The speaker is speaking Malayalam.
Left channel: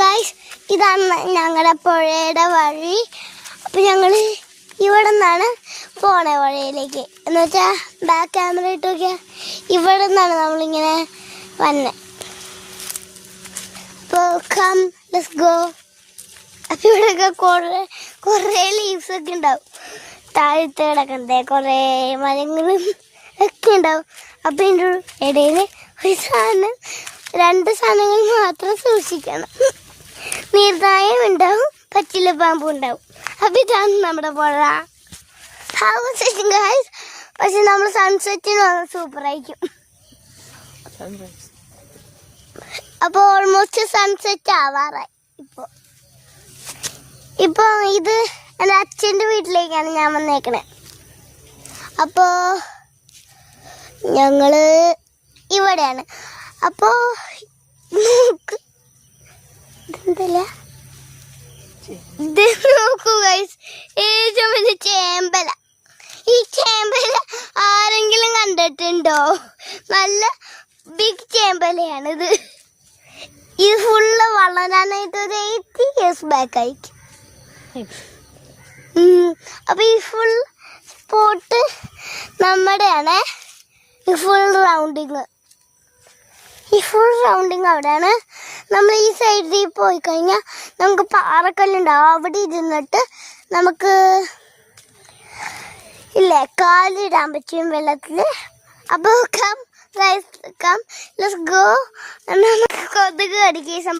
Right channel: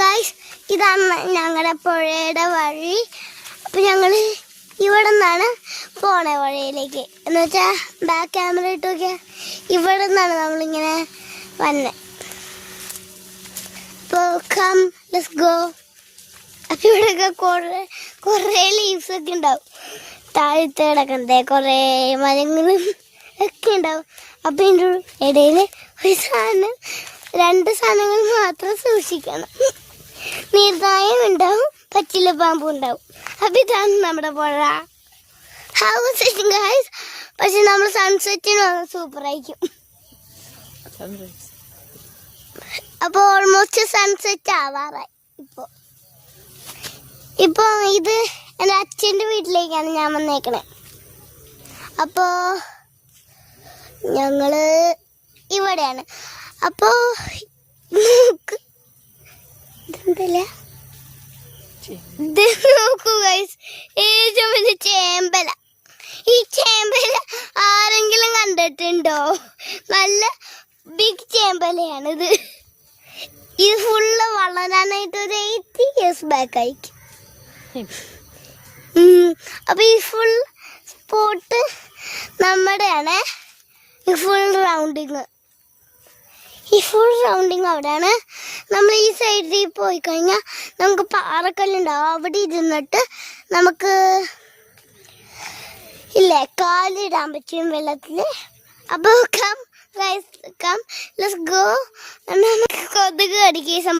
ഗായ്സ് ഇതാണ് ഞങ്ങളുടെ പുഴയുടെ വഴി. അപ്പൊ ഞങ്ങള് ഇവിടെ നിന്നാണ് പോണേ വഴിയിലേക്ക്. എന്ന് വെച്ചാ ബാക്ക് ക്യാമറ ഇട്ടൊക്കെ ഇവിടെ നിന്നാണ് നമ്മളിങ്ങനെ വന്നെ. അപ്പൊ കം ലെറ്റ്സ് ഗോ. അപ്പൊ ഇവിടെയൊക്കെ കുറേ ലീവ്സ് ഒക്കെ ഉണ്ടാവും. താഴത്തെ കിടക്കണ്ടേ കുറേ മരങ്ങളും ഒക്കെ ഉണ്ടാവും. അപ്പൊ ഇതിൻ്റെ ഇടയിൽ ഒരു സാധനം, 2 സാധനങ്ങൾ മാത്രം സൂക്ഷിക്കണം. നീർനായം ഉണ്ടാവും, പച്ചില പാമ്പും ഉണ്ടാവും. അപ്പൊ ഇതാണ് നമ്മുടെ പുഴ. ഗൈസ്, പക്ഷെ നമ്മൾ സൺസെറ്റിന് സൂപ്പർ ആയിരിക്കും. അപ്പൊ ഓൾമോസ്റ്റ് സൺസെറ്റ് ആവാറായി. ഇപ്പൊ ഇത് എൻ്റെ അച്ഛൻ്റെ വീട്ടിലേക്കാണ് ഞാൻ വന്നേക്കണേ. അപ്പോ ഞങ്ങള് ഇവിടെയാണ്. അപ്പോ നോക്കൂ ഗൈസ്, ഏറ്റവും വലിയ ചേമ്പല. ഈ ചേമ്പല ആരെങ്കിലും കണ്ടിട്ടുണ്ടോ? നല്ല ബിഗ് ചേമ്പലയാണിത്. ഇത് ഫുള്ള് വളരാനായിട്ട് ഒരു 80 years ബാക്ക് ആയിരിക്കും. അപ്പൊ ഈ ഫുൾ സ്പോട്ട് നമ്മുടെയാണ്. ഈ ഫുൾ റൗണ്ടിങ് അവിടെയാണ്. നമ്മൾ ഈ സൈഡിൽ പോയി കഴിഞ്ഞാൽ നമുക്ക് പാറക്കല്ലുണ്ടാവും. അവിടെ ഇരുന്നിട്ട് നമുക്ക് കാലിടാൻ പറ്റും വെള്ളത്തില്. അപ്പൊ കം ലെറ്റ്സ് ഗോ. നമുക്ക് കൊതുക് കടിക്കുക